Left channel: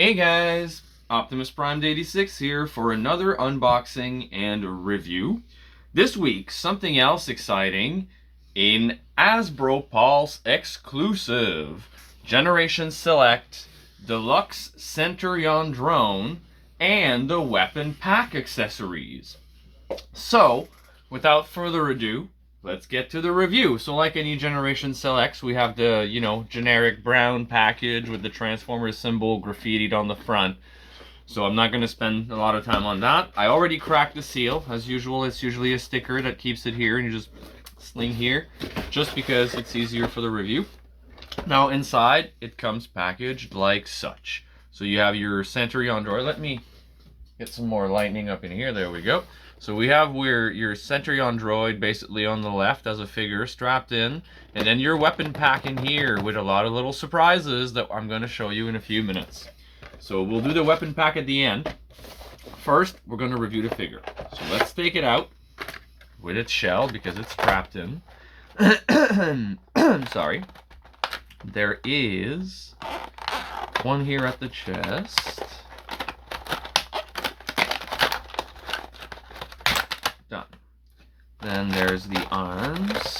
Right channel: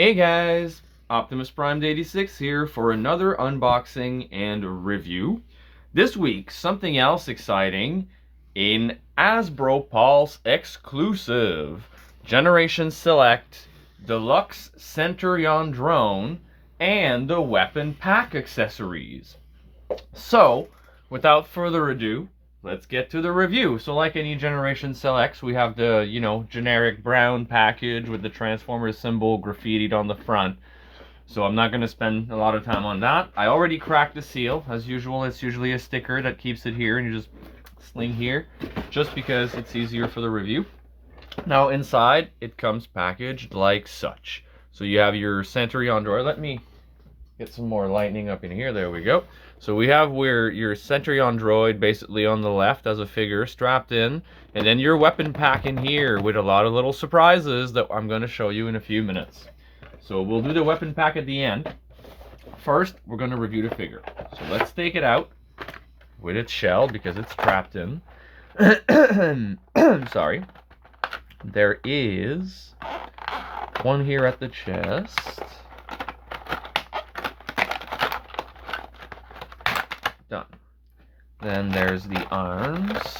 Hey guys, Optimus Prime 86 here for another unboxing and review. This week, something else exciting, an Hasbro Pulse exclusive Generation Select Deluxe Centurion drone and the weapon pack accessories. So, without further ado, let's get to the review. So like any Generation Selects, we have the, generic brown package with the Transformers symbol graffitied on the front. So I'm not going to spend a lot of time on that. I already cracked the seal. As usual, it's usually a sticker that keeps it here, and you just sling here, just because it's easier for the review. Now inside, it comes packaged like such. So you have your Centurion Droid. Let me get some more lightning up in here. There we go. So we have where your Centurion Droid basically on the left as a figure strapped in, and then your weapon pack in here with a lot of little surprises that I'm going to show you in a few minutes. So we'll do the weapon pack at the end. First, we're going to review the figure. So let's take it out with its shell because it's strapped in. Sorry. There is one here at the chest. Done. Then there's the arms,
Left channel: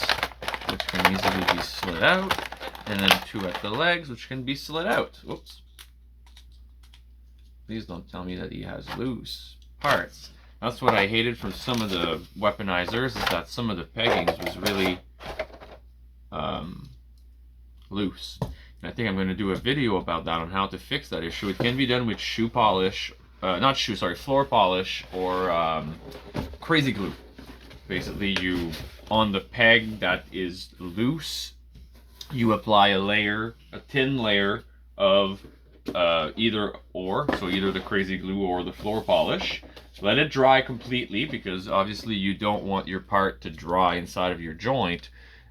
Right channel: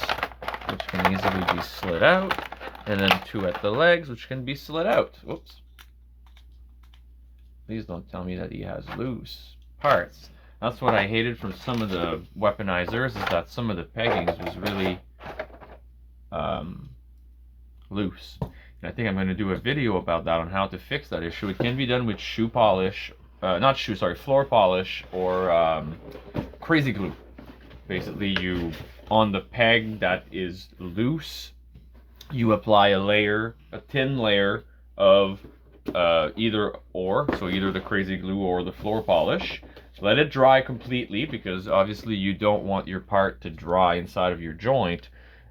which can easily be slid out, and then two at the legs, which can be slid out. Whoops. Please don't tell me that he has loose parts. That's what I hated from some of the weaponizers, is that some of the peggings was really loose. And I think I'm going to do a video about that on how to fix that issue. It can be done with shoe polish, floor polish or crazy glue. Basically, you, on the peg that is loose, you apply a thin layer of either or, so either the crazy glue or the floor polish. Let it dry completely, because obviously you don't want your part to dry inside of your joint,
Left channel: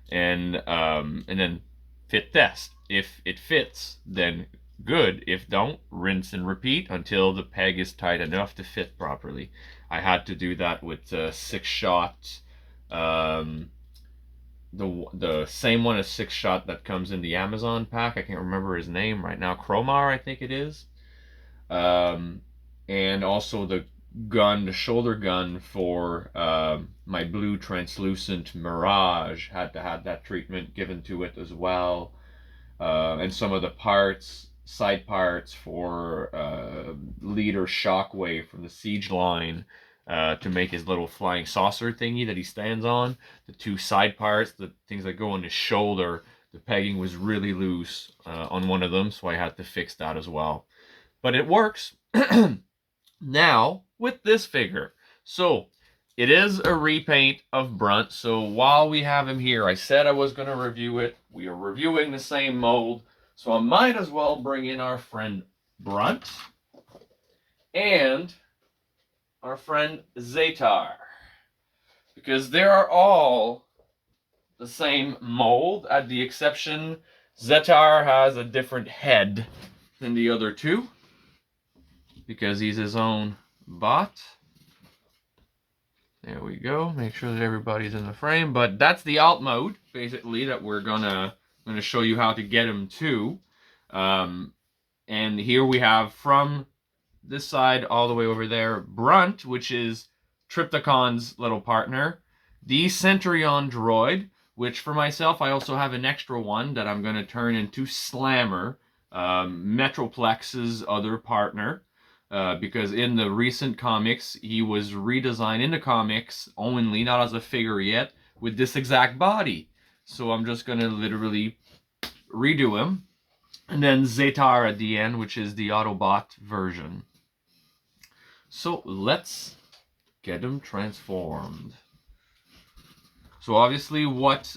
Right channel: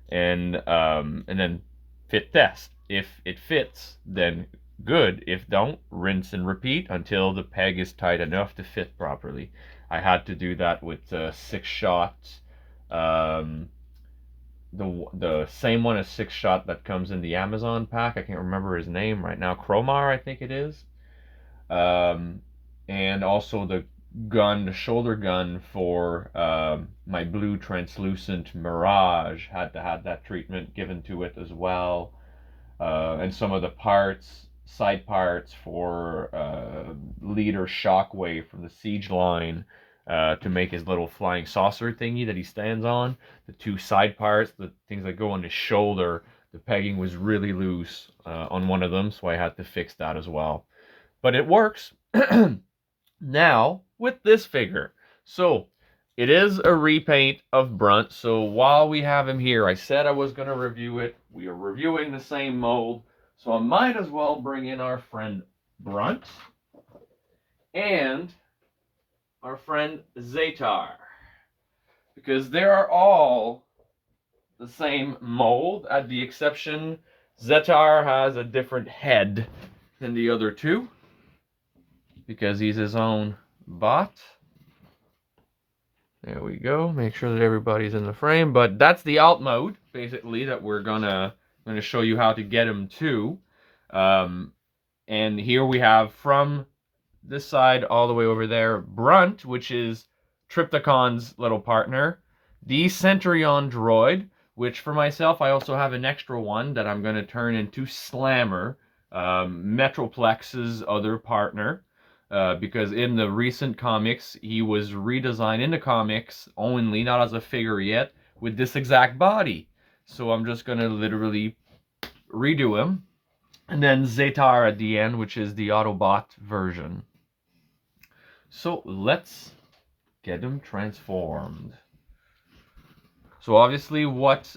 and then fit test. If it fits, then good. If don't, rinse and repeat until the peg is tight enough to fit properly. I had to do that with 6-shot, the same one as 6-shot that comes in the Amazon pack. I can't remember his name right now. Cromar, I think it is. And also the shoulder gun for my blue translucent Mirage. Had to have that treatment given to it as well. And some of the side parts for Leader Shockwave from the Siege line, to make his little flying saucer thingy that he stands on. The two side parts, the things that go on his shoulder, the pegging was really loose on one of them, so I had to fix that as well. But it works. Now, with this figure. So, it is a repaint of Brunt, so while we have him here, I said I was going to review it. We are reviewing the same mold, so I might as well bring in our friend Brunt and our friend Zetar, because they are all the same mold, at the exception Zetar has a different head than the other two, because he's his own bot. There we go. Make sure that everybody's in the frame. But that's the alt mode, basically, that we're gonna show you how to get him to. And here we have, from this side all the way over there, Brunt, which is Triptychon's little partner. The Centurion Droid, which for myself, I also have an extra one that I'm going to turn into Slammer, Metroplex's other partner. Because in the recent comics, he was redesigned in the comics only, not as a figure yet, with this exact body. So I'm just going to literally redo him. And then Zetar at the end, which is the Autobot version. So let's get him transformed. So obviously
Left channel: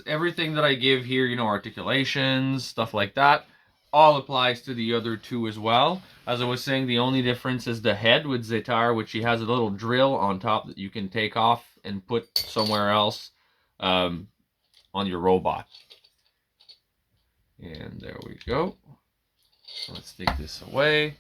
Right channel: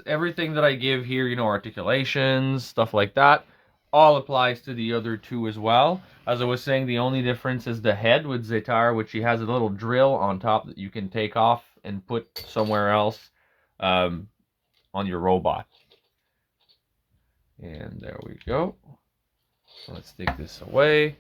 everything that I give here, articulations, stuff like that, all applies to the other two as well. As I was saying, the only difference is the head with Zetar, which he has a little drill on top that you can take off and put somewhere else on your robot. And there we go. So let's take this away.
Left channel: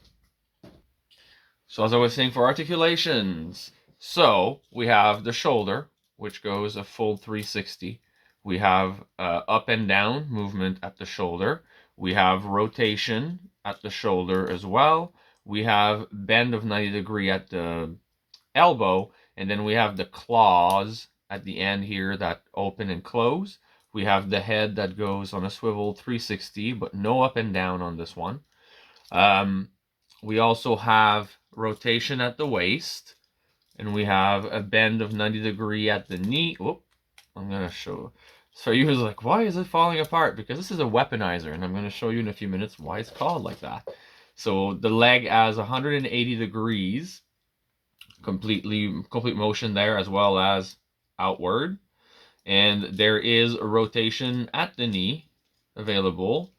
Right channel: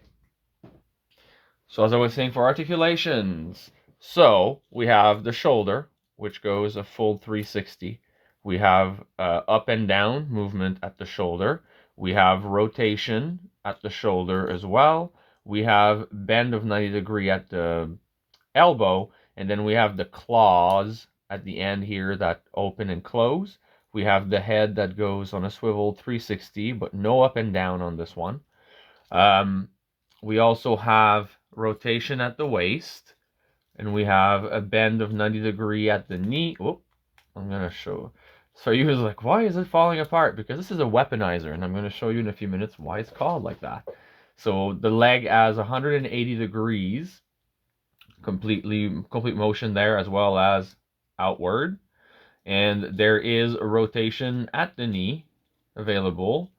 So as I was saying, for articulations, so we have the shoulder, which goes a full 360. We have up and down movement at the shoulder. We have rotation at the shoulder as well. we have bend of 90 degree at the elbow, and then we have the claws at the end here that open and close. We have the head that goes on a swivel 360, but no up and down on this one. We also have rotation at the waist, and we have a bend of 90 degree at the knee. Oh, I'm gonna show. So you was like, why is it falling apart? Because this is a weaponizer, and I'm gonna show you in a few minutes why it's called like that. So the leg has 180 degrees, complete motion there, as well as outward. And there is a rotation at the knee available.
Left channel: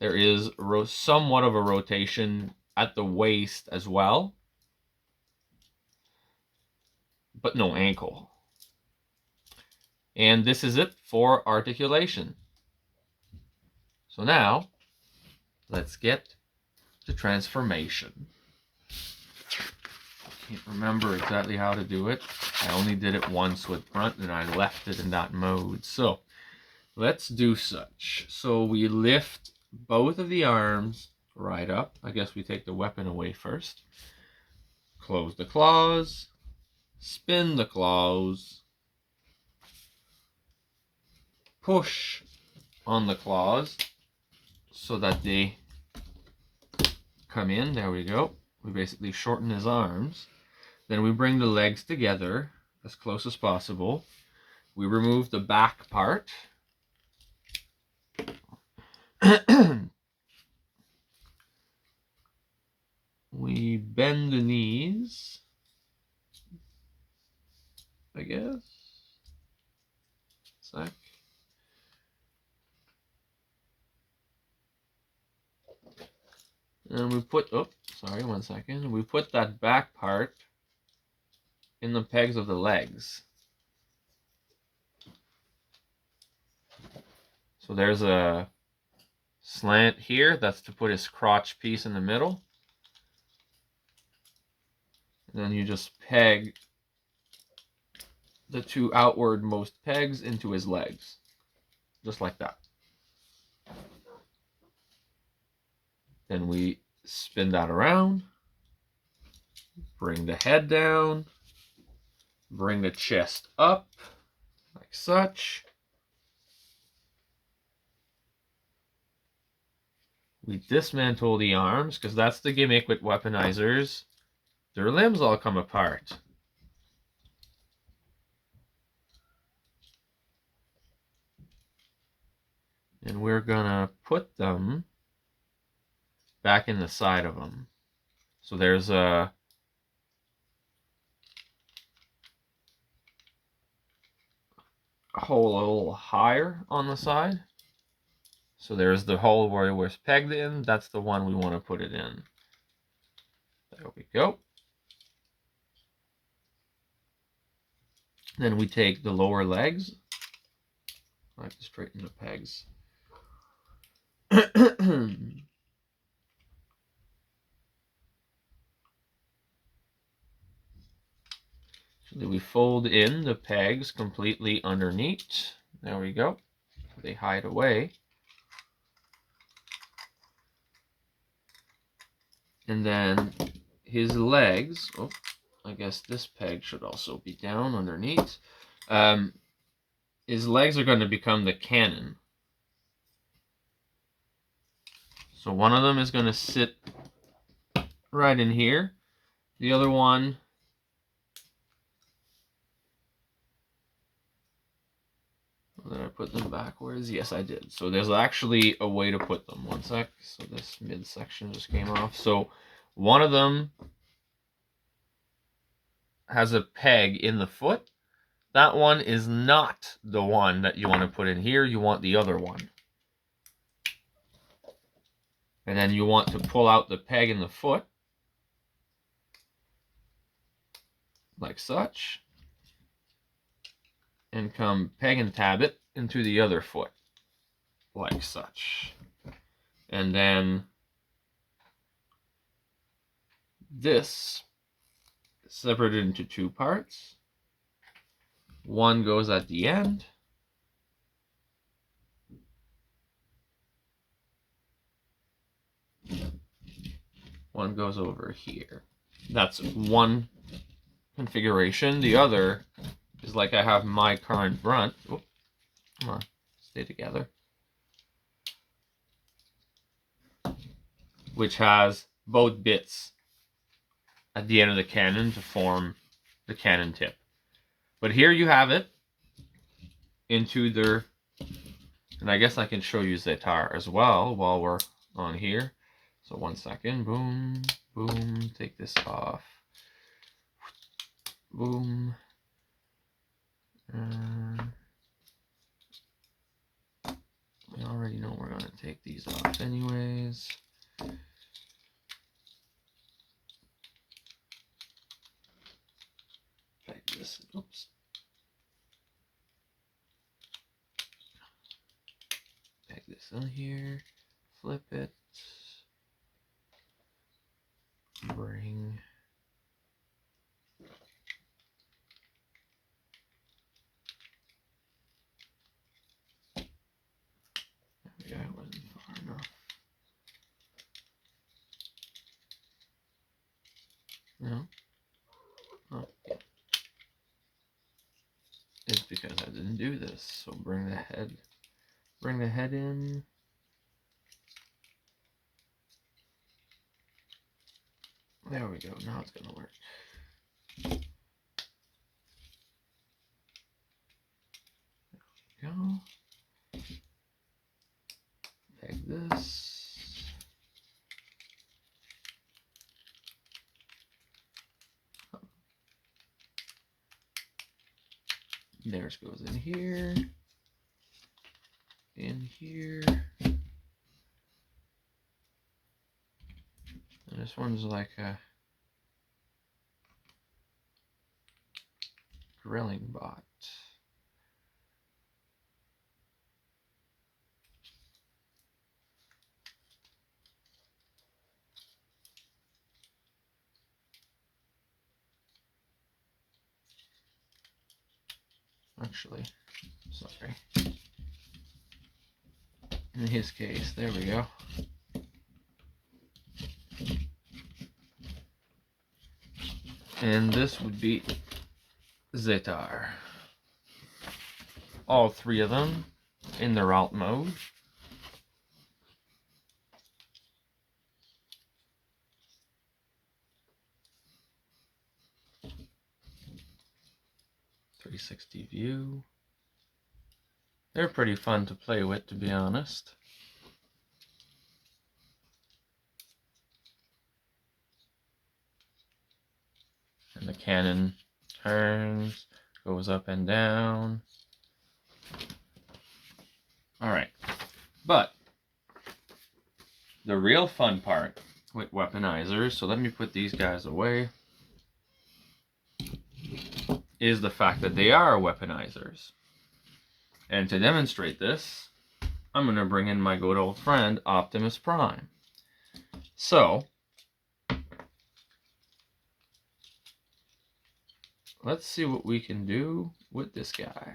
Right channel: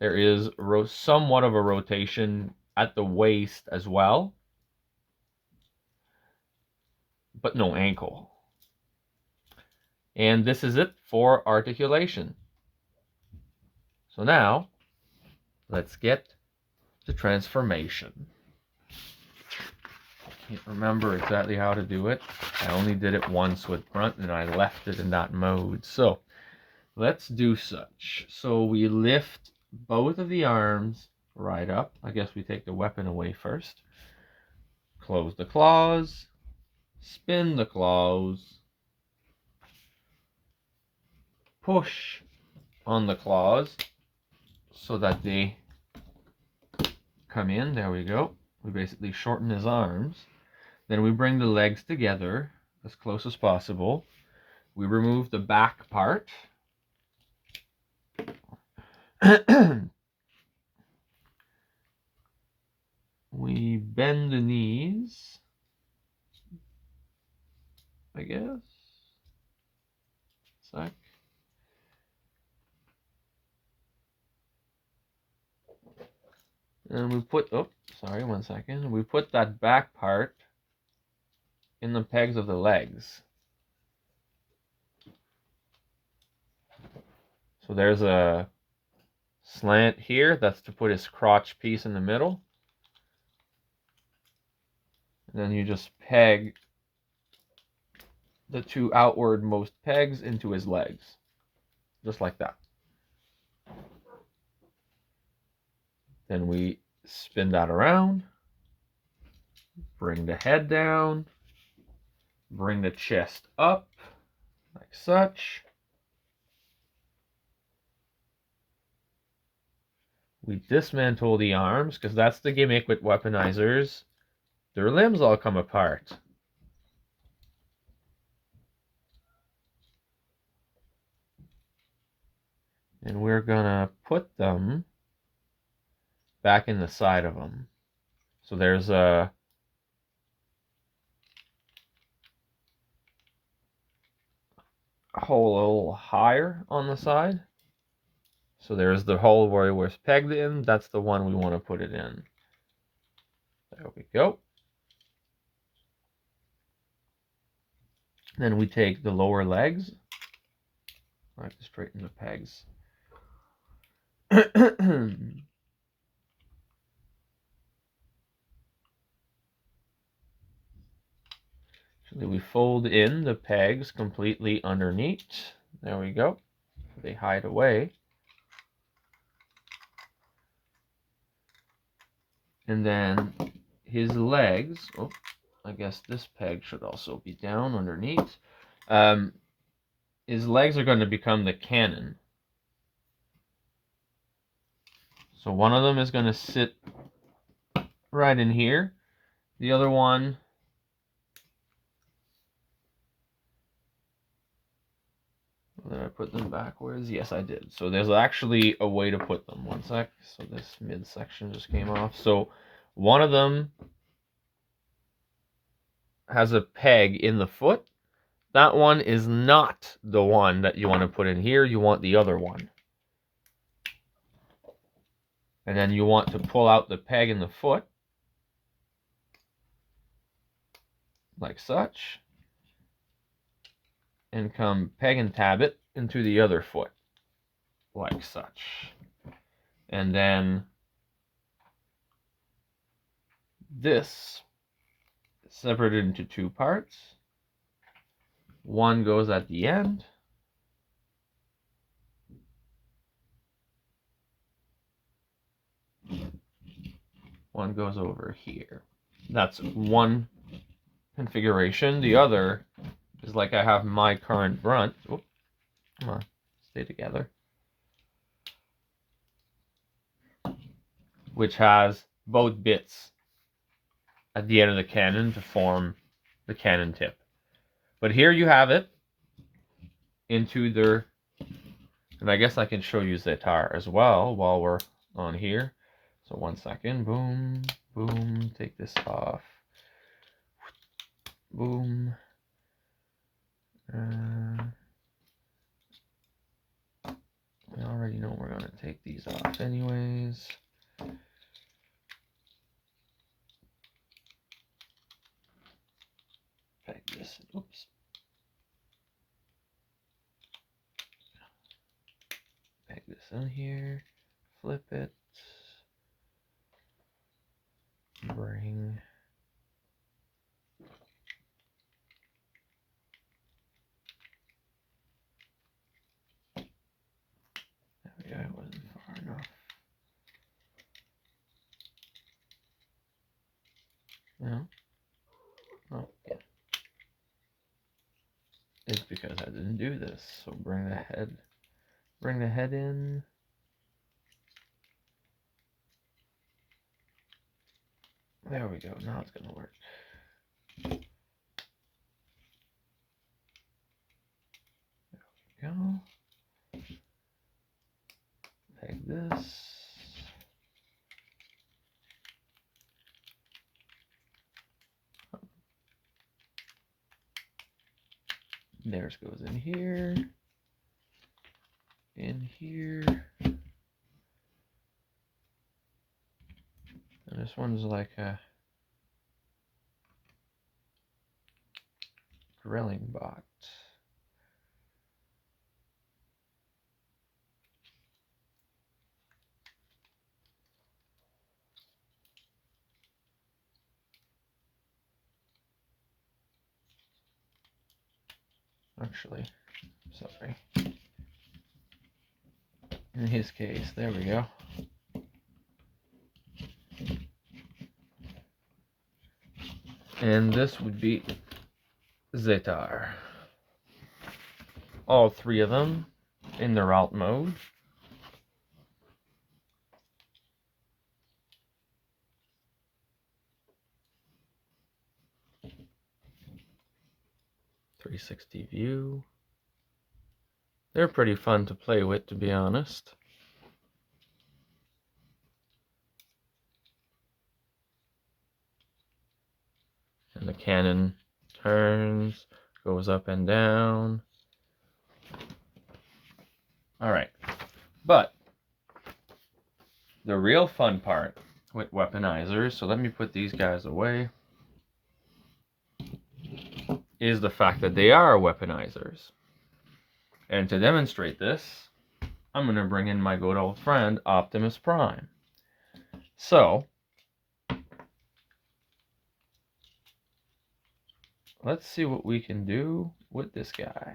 There is somewhat of a rotation at the waist as well, but no ankle. And this is it for articulation. So now, let's get to transformation. I can't remember exactly how to do it. I only did it once with Brunt, and I left it in that mode. So, let's do such. So we lift both of the arms right up. I guess we take the weapon away first. Close the claws. Spin the claws. Push on the claws so that they come in. There we go. We basically shorten his arms. Then we bring the legs together as close as possible. We remove the back part. We bend the knees, I guess. Sec. And we put, oh, sorry, 1 second. We put that back part in the pegs of the legs. So there's a slant here. That's to put his crotch piece in the middle. And then you just peg the two outwardmost pegs into his legs. Just like that. Then we spin that around. Bring the head down. Bring the chest up. Like such. We dismantle the arms, because that's the gimmick with weaponizers. Their limbs all come apart. And we're gonna put them back in the side of them. So there's a hole a little higher on the side. So there's the hole where it was pegged in. That's the one we want to put it in. There we go. Then we take the lower legs. I like to straighten the pegs. So then we fold in the pegs completely underneath. There we go. They hide away. And then his legs, oh, I guess this peg should also be down underneath. His legs are going to become the cannon. So one of them is going to sit right in here. The other one did I put them backwards? Yes, I did. So there's actually a way to put them. 1 sec. So this midsection just came off. So one of them has a peg in the foot. That one is not the one that you want to put in here. You want the other one. And then you want to pull out the peg in the foot. Like such. And come peg and tab it into the other foot. Like such. And then this is separated into two parts. One goes at the end. one goes over here. That's one configuration. The other is like I have my current Brunt. Oh, come on, stay together. Which has both bits at the end of the cannon to form the cannon tip. But here you have it into their, and I guess I can show you Zetar as well while we're on here. So 1 second, boom, boom, take this off, boom. We already know we're gonna take these off anyways. Peg this, oops. Peg this in here, flip it, bring. There we go, it wasn't far enough. No? Oh, yeah. It's because I didn't do this. So bring the head in. There we go. Now it's gonna work. There we go. Peg this. Theirs goes in here. In here. And this one's like a grilling box. Actually, sorry. In his case, there we go. And this would be Zetar. All three of them in their alt mode. .360 view. They're pretty fun to play with, to be honest. And the cannon turns, goes up and down. Alright, but the real fun part with weaponizers, so let me put these guys away, is the fact that they are weaponizers. And to demonstrate this, I'm going to bring in my good old friend, Optimus Prime. So, let's see what we can do with this guy.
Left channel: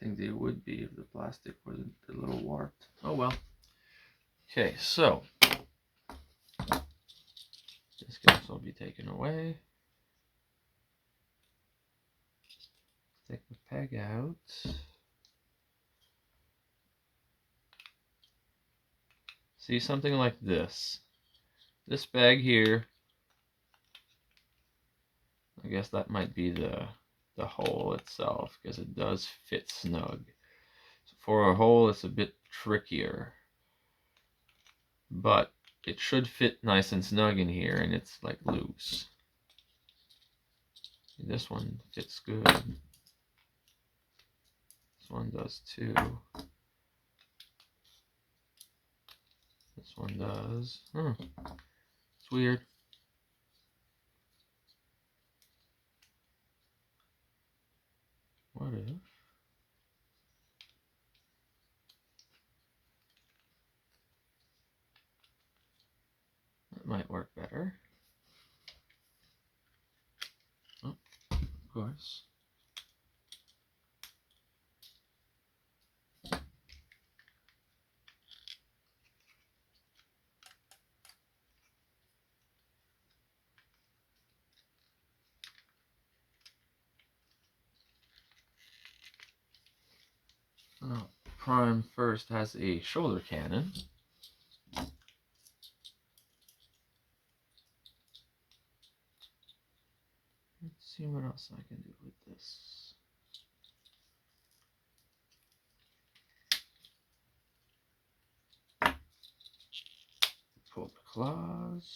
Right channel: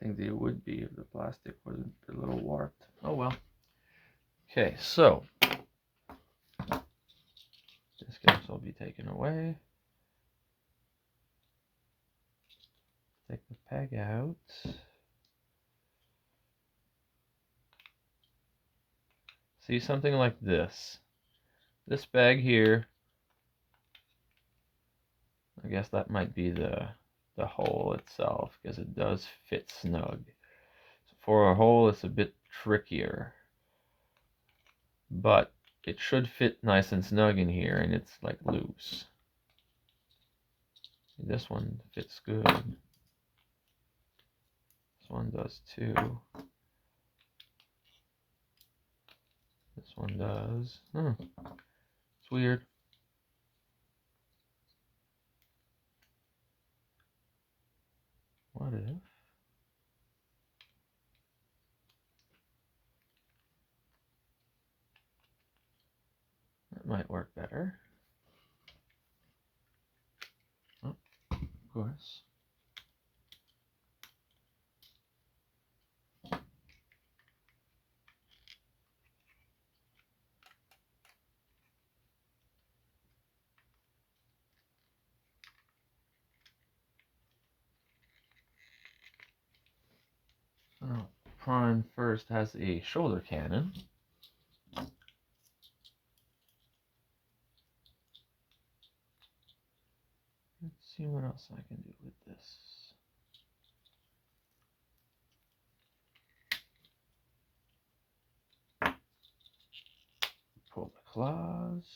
I think they would be if the plastic wasn't a little warped. Oh well. Okay, so this guy will be taken away. Take the peg out. See, something like this. This bag here, I guess that might be the hole itself, because it does fit snug. So for a hole, it's a bit trickier, but it should fit nice and snug in here, and it's like loose. This one fits good. This one does too. This one does. It's weird. Why what if that might work better? Oh, of course. Oh, Prime first has a shoulder cannon. Let's see what else I can do with this. Pull the claws.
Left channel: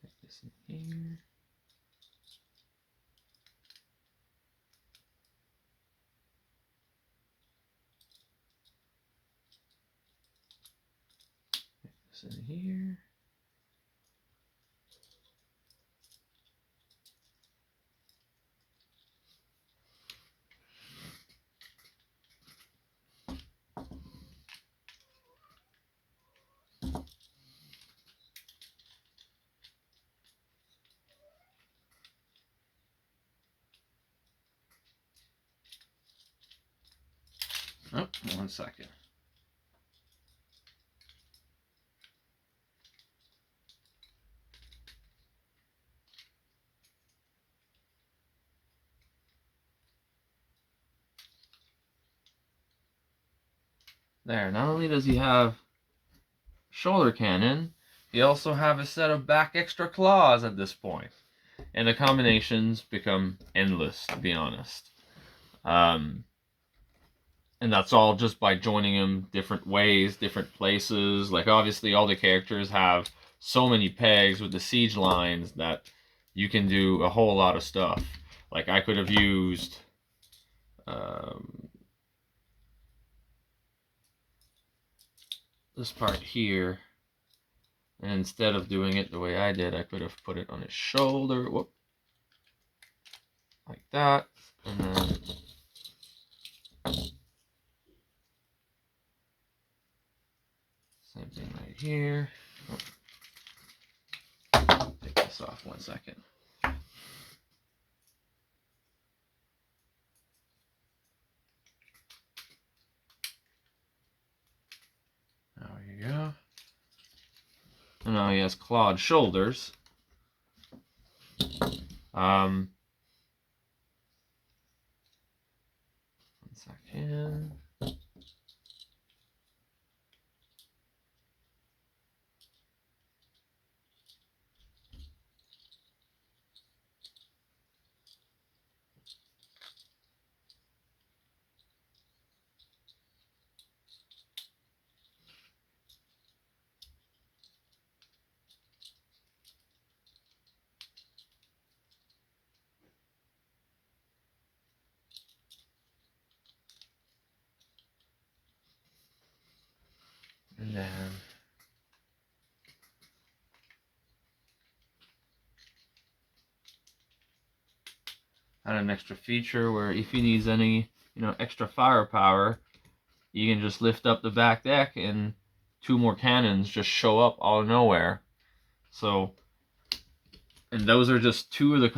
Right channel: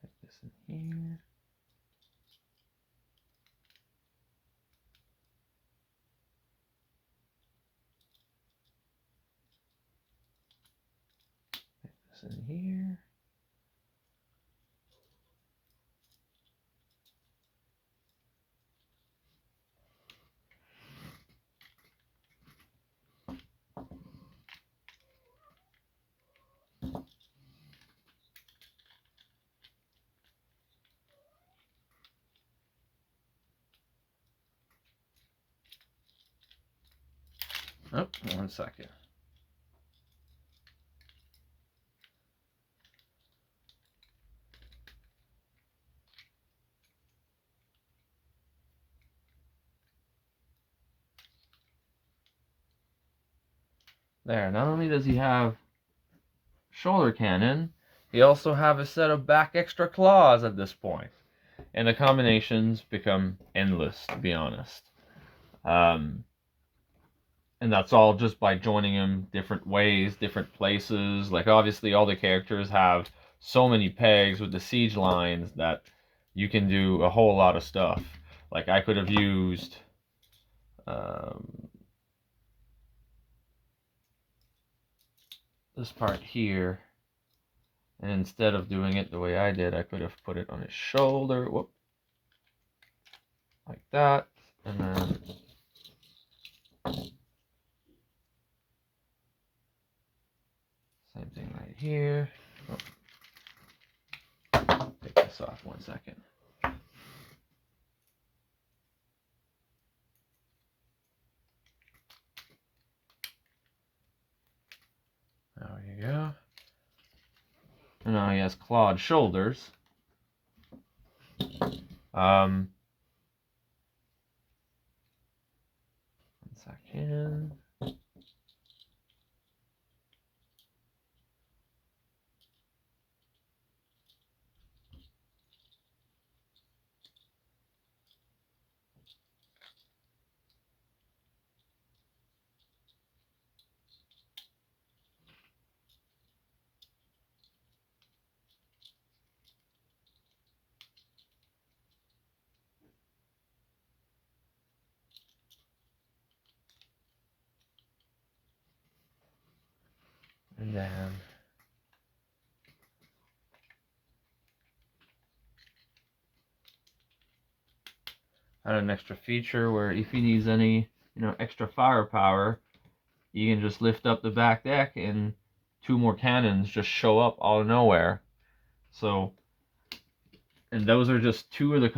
Put this in here. Put this in here. Oh, 1 second. There, not only does he have shoulder cannon, he also have a set of back extra claws at this point. And the combinations become endless, to be honest. And that's all just by joining them different ways, different places. Like, obviously, all the characters have so many pegs with the siege lines that you can do a whole lot of stuff. Like, I could have used this part here, and instead of doing it the way I did, I could have put it on his shoulder, whoop, like that, and then same thing right here. Oh, take this off 1 second. There you go. And now he has clawed shoulders. 1 second. And then add an extra feature where if he needs any, extra firepower, you can just lift up the back deck and 2 more cannons just show up out of nowhere. So, and those are just 2 of the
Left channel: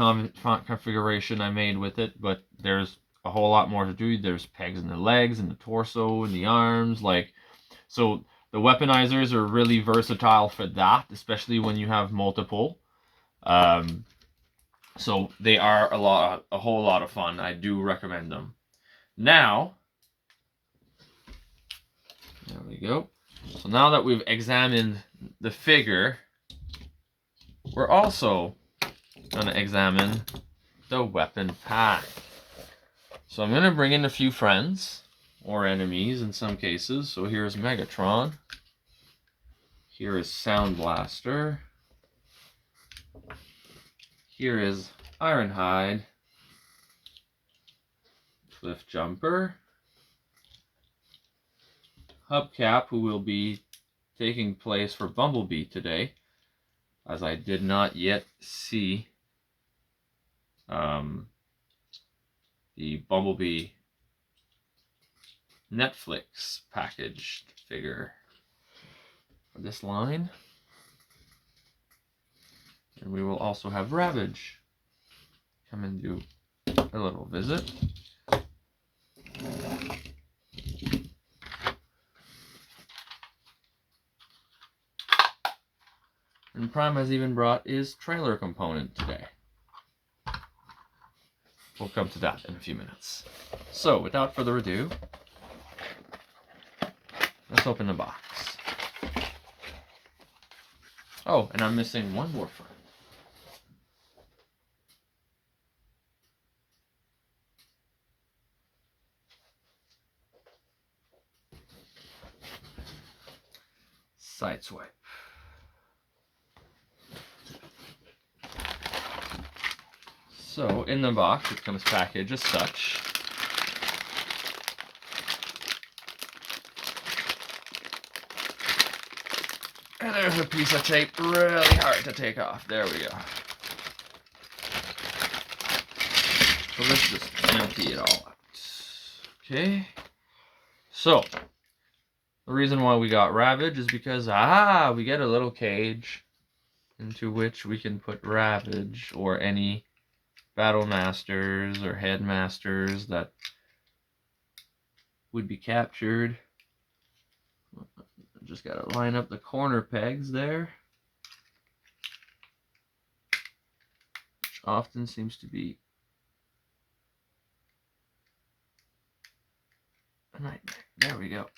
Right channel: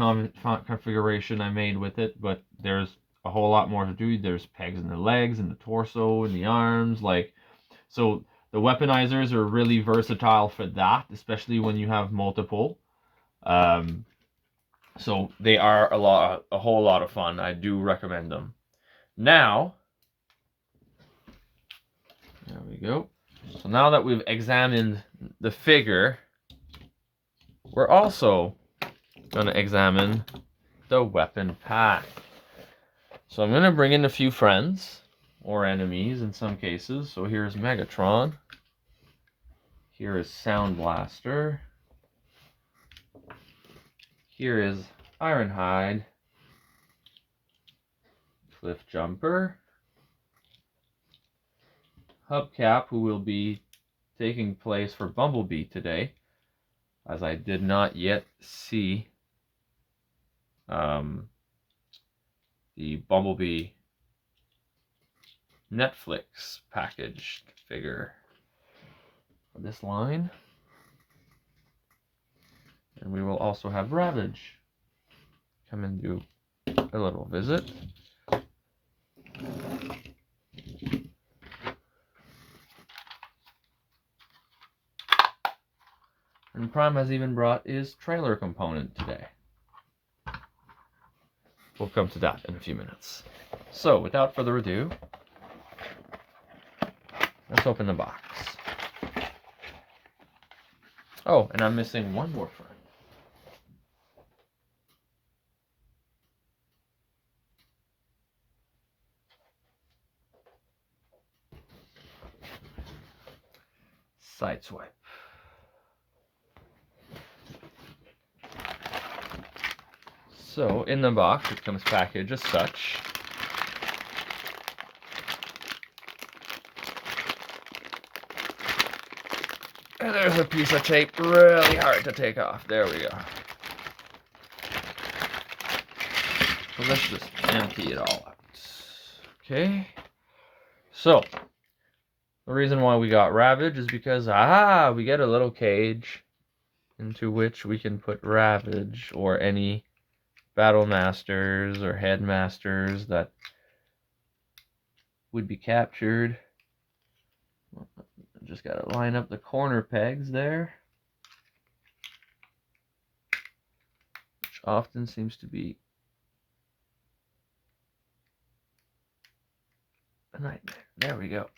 configuration I made with it, but there's a whole lot more to do. There's pegs in the legs and the torso and the arms, so the weaponizers are really versatile for that, especially when you have multiple. So they are a whole lot of fun. I do recommend them. Now, there we go. So now that we've examined the figure, we're also going to examine the weapon pack. So I'm going to bring in a few friends, or enemies in some cases. So here's Megatron. Here is Sound Blaster. Here is Ironhide. Cliff Jumper. Hubcap, who will be taking place for Bumblebee today. as I did not yet see the Bumblebee Netflix packaged figure for this line. And we will also have Ravage come and do a little visit. And Prime has even brought his trailer component today. We'll come to that in a few minutes. So, without further ado, let's open the box. Oh, and I'm missing one more friend. Sideswipe. So, in the box, it comes packaged as such. And there's a piece of tape really hard to take off. There we go. So let's just empty it all out. Okay. So, the reason why we got Ravage is because, we get a little cage into which we can put Ravage or any Battle Masters or Headmasters that would be captured. Just gotta line up the corner pegs there, which often seems to be a nightmare. There we go.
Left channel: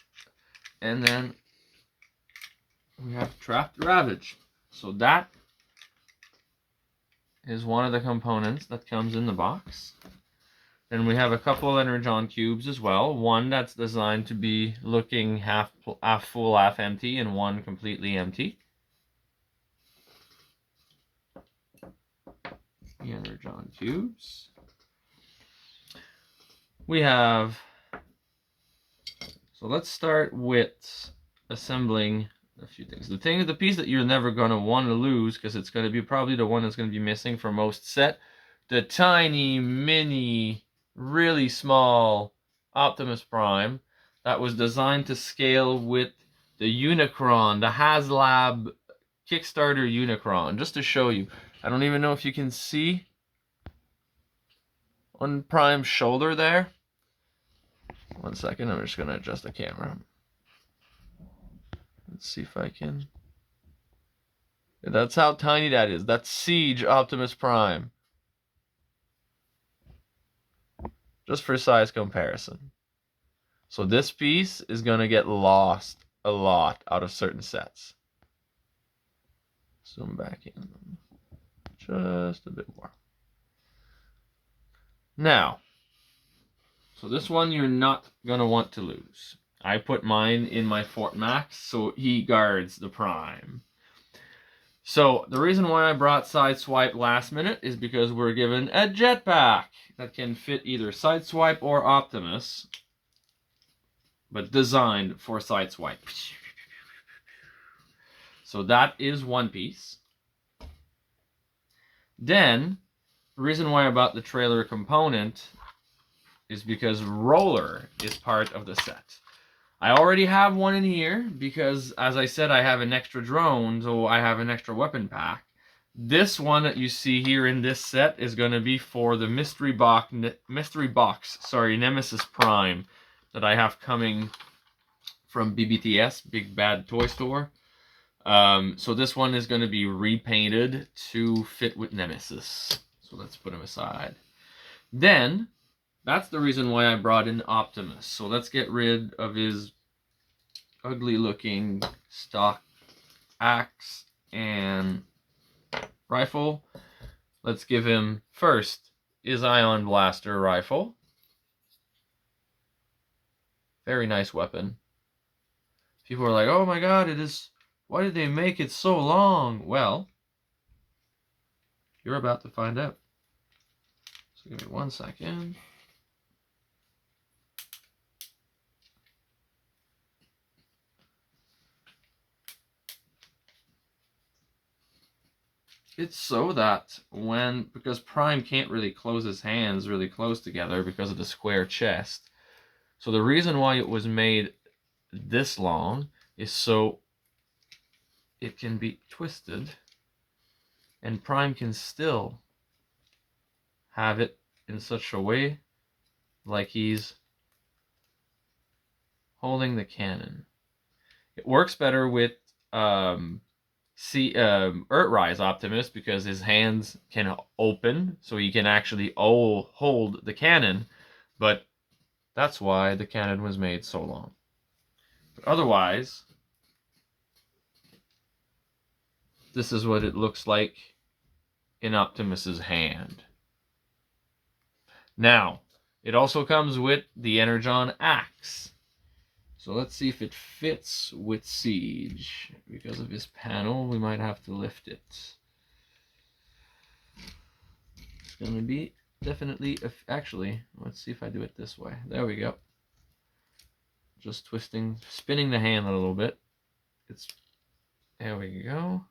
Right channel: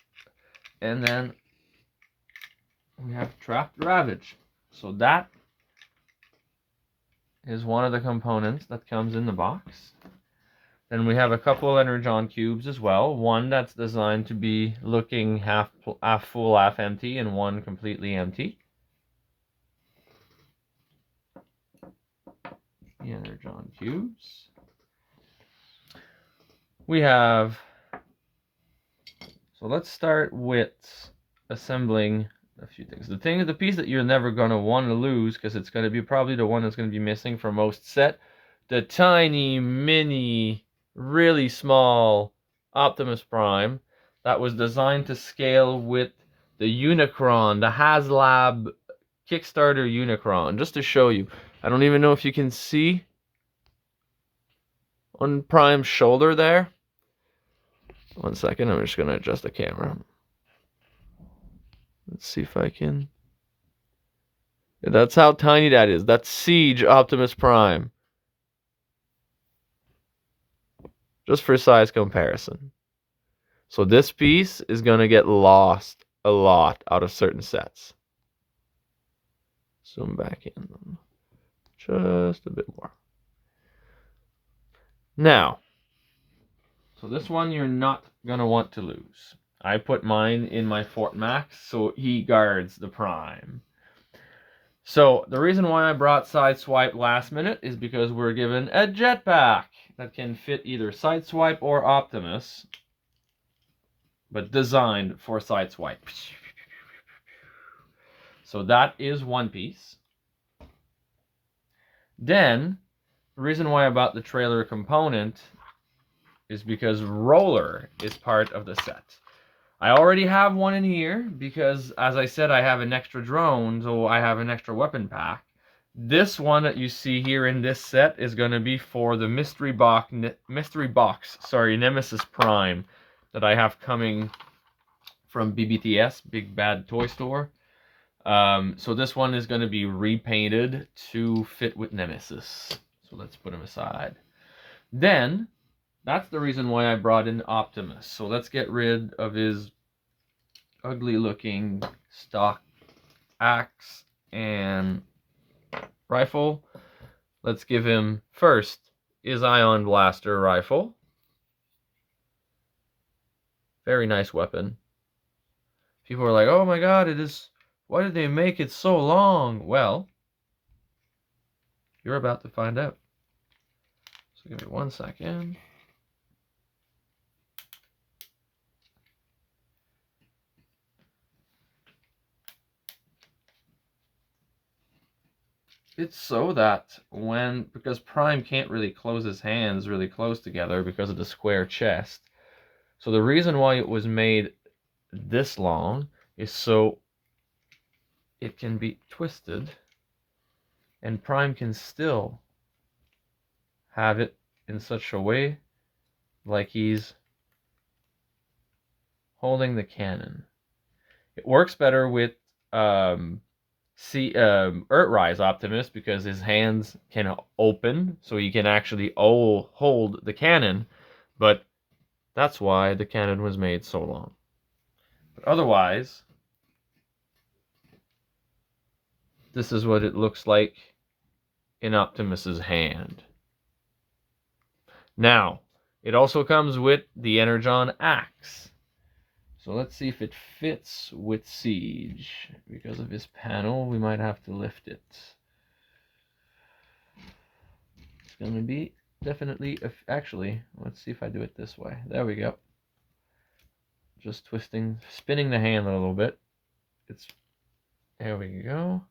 And then we have trapped Ravage. So that is one of the components that comes in the box. Then we have a couple of Energon cubes as well. One that's designed to be looking half full, half empty, and one completely empty. The Energon cubes. We have... So let's start with assembling a few things. The piece that you're never going to want to lose, because it's going to be probably the one that's going to be missing for most set, the tiny, mini, really small Optimus Prime that was designed to scale with the Unicron, the HasLab Kickstarter Unicron. Just to show you, I don't even know if you can see on Prime's shoulder there. One second, I'm just going to adjust the camera. Let's see if I can. That's how tiny that is. That's Siege Optimus Prime. Just for size comparison. So this piece is going to get lost a lot out of certain sets. Zoom back in just a bit more. Now, so this one you're not going to want to lose. I put mine in my Fort Max so he guards the Prime. So the reason why I brought Sideswipe last minute is because we're given a jetpack that can fit either Sideswipe or Optimus, but designed for Sideswipe. So that is one piece. Then, the reason why I bought the trailer component is because Roller is part of the set. I already have one in here because, as I said, I have an extra drone, so I have an extra weapon pack. This one that you see here in this set is going to be for the mystery box, Nemesis Prime, that I have coming from BBTS, Big Bad Toy Store. So this one is going to be repainted to fit with Nemesis. So let's put him aside. Then, that's the reason why I brought in Optimus. So let's get rid of his ugly looking stock axe and rifle. Let's give him first his Ion Blaster rifle. Very nice weapon. People are like, oh my god, why did they make it so long? Well, you're about to find out. So give me 1 second. It's so that because Prime can't really close his hands really close together because of the square chest. So the reason why it was made this long is so it can be twisted and Prime can still have it in such a way like he's holding the cannon. It works better with Earthrise Optimus because his hands can open, so he can actually hold the cannon. But that's why the cannon was made so long. But otherwise, this is what it looks like in Optimus's hand. Now, it also comes with the Energon Axe. So let's see if it fits with Siege. Because of his panel, we might have to lift it. It's going to be definitely, actually, let's see if I do it this way. There we go. Just spinning the hand a little bit. There we go.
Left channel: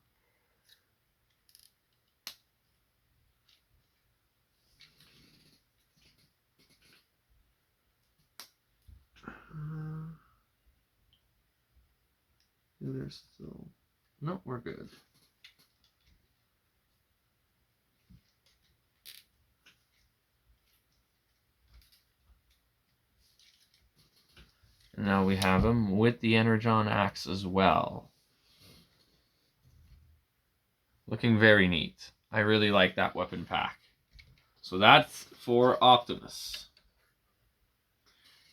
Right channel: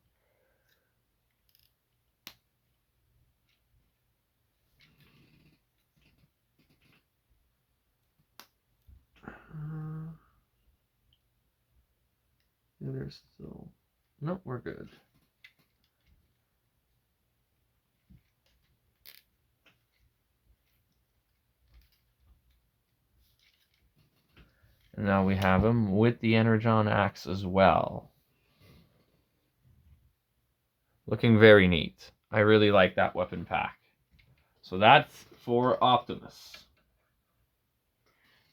There's still, nope, we're good. And now we have him with the Energon Axe as well. Looking very neat. I really like that weapon pack. So that's for Optimus.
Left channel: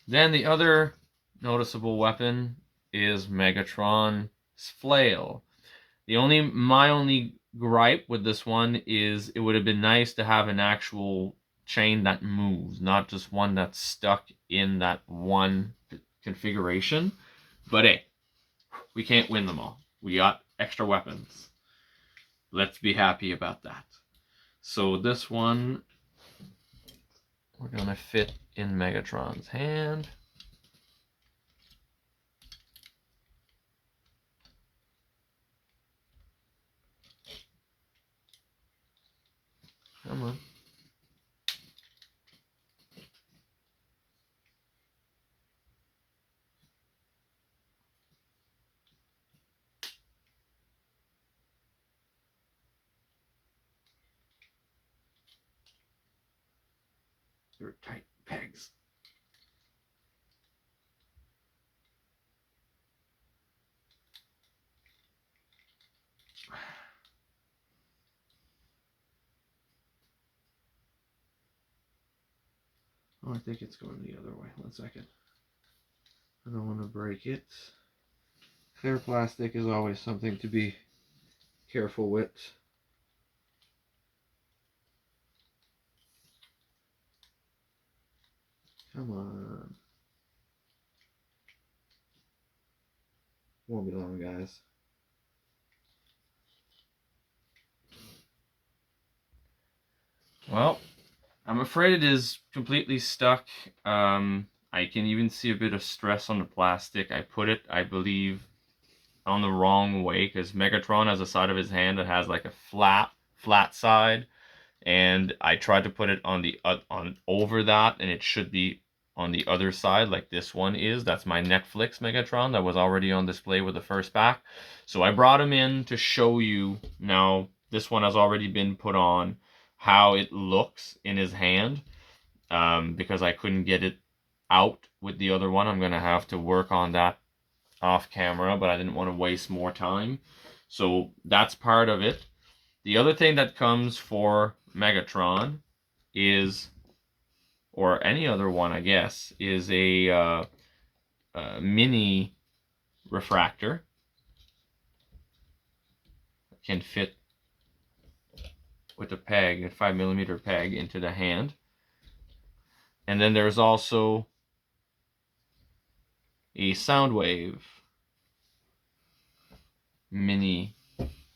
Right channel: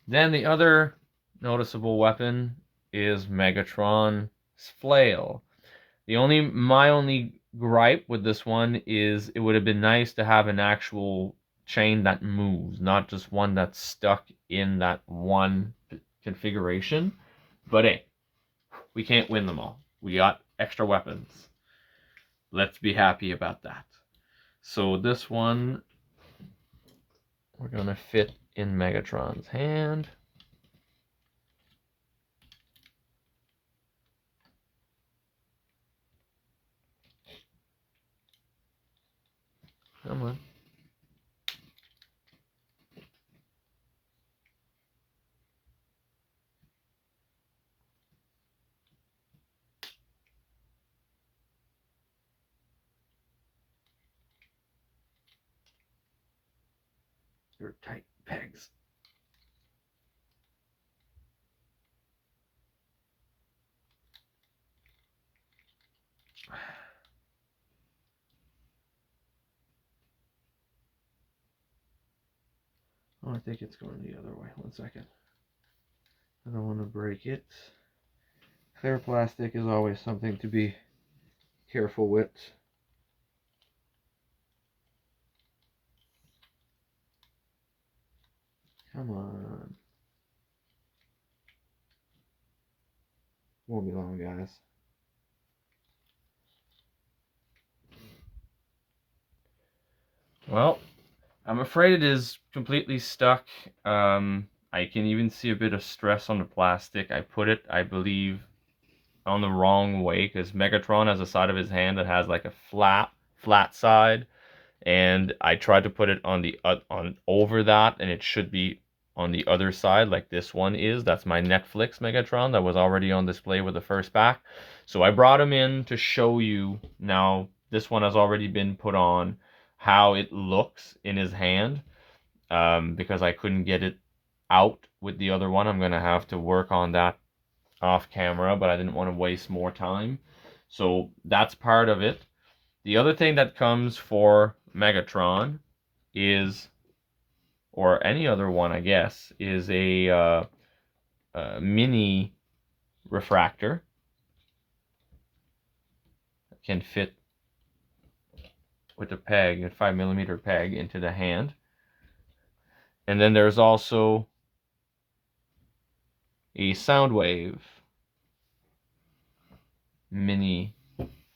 Then the other noticeable weapon is Megatron's flail. My only gripe with this one is it would have been nice to have an actual chain that moves, not just one that's stuck in that one configuration. But hey, we can't win them all. We got extra weapons. Let's be happy about that. So this one, we're going to fit in Megatron's hand. Come on. They're tight pegs. Oh, I think it's going the other way. 1 second. I don't want to break it. Clear plastic is always something to be careful with. Come on. Won't be long, guys. Well, I'm afraid it is completely stuck. I can even see a bit of stress on the plastic. I put it, I believe, on the wrong way because Megatron has a side of his hand that has like a flat side, and I tried to put it on on over that, and it should be on the other side like this one is. That's my Netflix Megatron that was already on display with the first pack. So I brought him in to show you. Now this one has already been put on, how it looks in his hand, because I couldn't get it out with the other one. I'm gonna have to work on that off camera, but I didn't want to waste more time. So that's part of it. The other thing that comes for Megatron is, or any other one, I guess, is a mini refractor. Can fit with a peg, a 5mm peg, into the hand. And then there's also a Soundwave, mini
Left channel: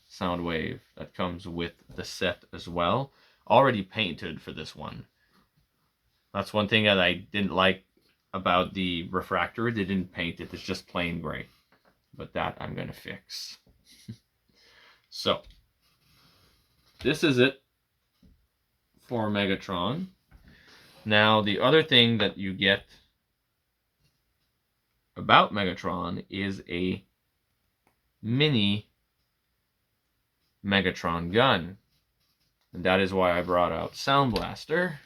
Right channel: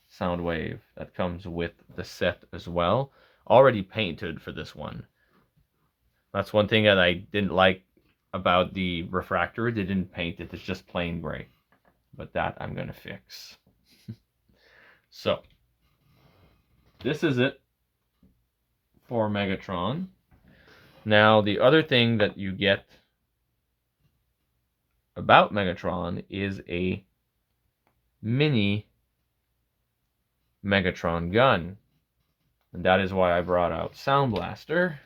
Soundwave that comes with the set as well. Already painted for this one. That's one thing that I didn't like about the refractor. They didn't paint it. It's just plain gray. But that I'm going to fix. So, this is it for Megatron. Now, the other thing that you get about Megatron is a mini Megatron gun. And that is why I brought out Sound Blaster.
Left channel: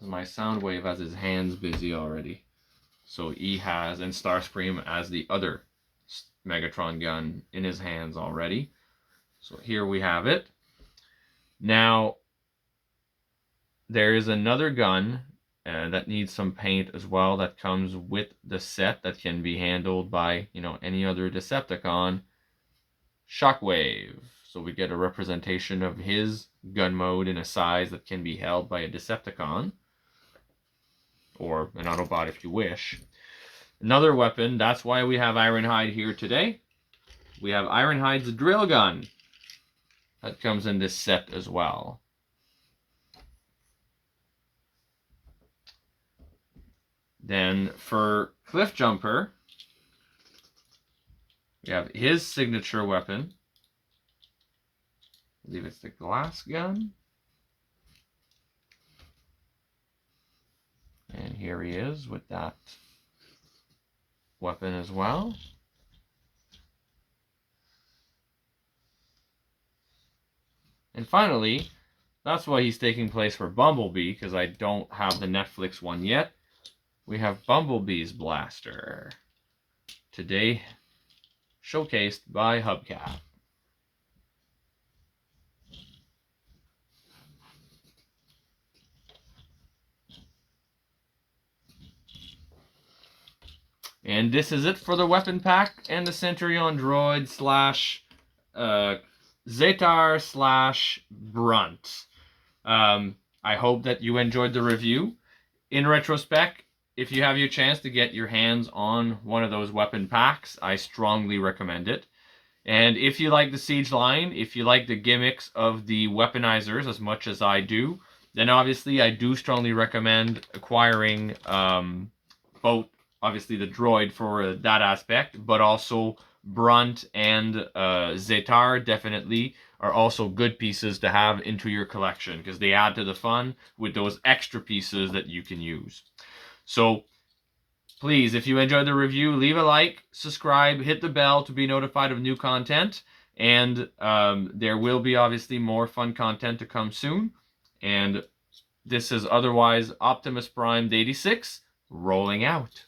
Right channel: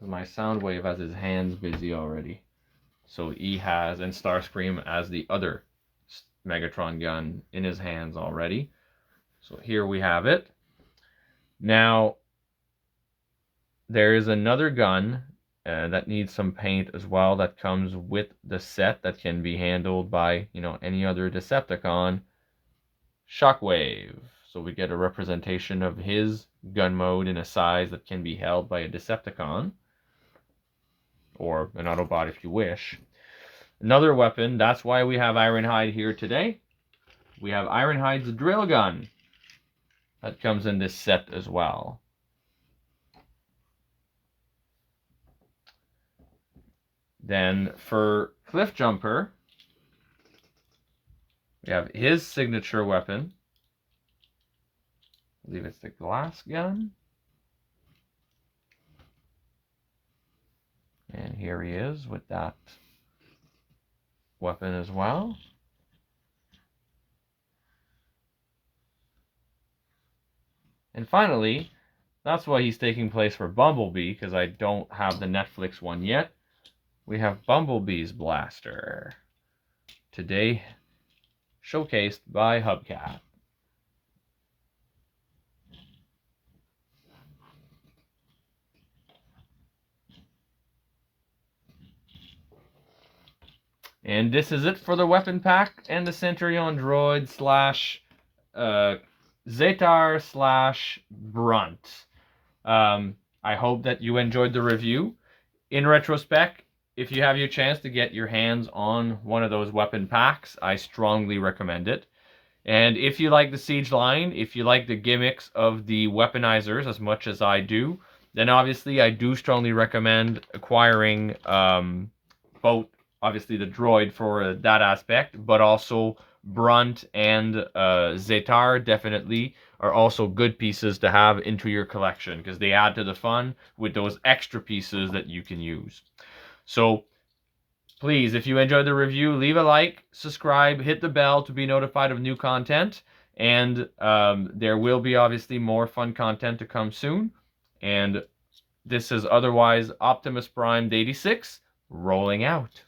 My Soundwave has his hands busy already. So he has, and Starscream as the other Megatron gun in his hands already. So here we have it. Now, there is another gun that needs some paint as well that comes with the set that can be handled by, any other Decepticon. Shockwave. So we get a representation of his gun mode in a size that can be held by a Decepticon. Or an Autobot if you wish. Another weapon, that's why we have Ironhide here today. We have Ironhide's drill gun. That comes in this set as well. Then for Cliffjumper, we have his signature weapon. I believe it's the glass gun. And here he is with that weapon as well. And finally, that's why he's taking place for Bumblebee, because I don't have the Netflix one yet. We have Bumblebee's blaster. Today, showcased by Hubcap. And this is it for the weapon pack and the Centurion Droid slash Zetar slash Brunt. I hope that you enjoyed the review. In retrospect, if you have your chance to get your hands on one of those weapon packs, I strongly recommend it. And if you like the Siege line, if you like the gimmicks of the weaponizers as much as I do, then obviously I do strongly recommend acquiring both, obviously, the Droid for that aspect, but also Brunt and Zetar definitely are also good pieces to have into your collection because they add to the fun with those extra pieces that you can use. So please, if you enjoyed the review, leave a like, subscribe, hit the bell to be notified of new content, and there will be obviously more fun content to come soon. And this is otherwise Optimus Prime 86 rolling out.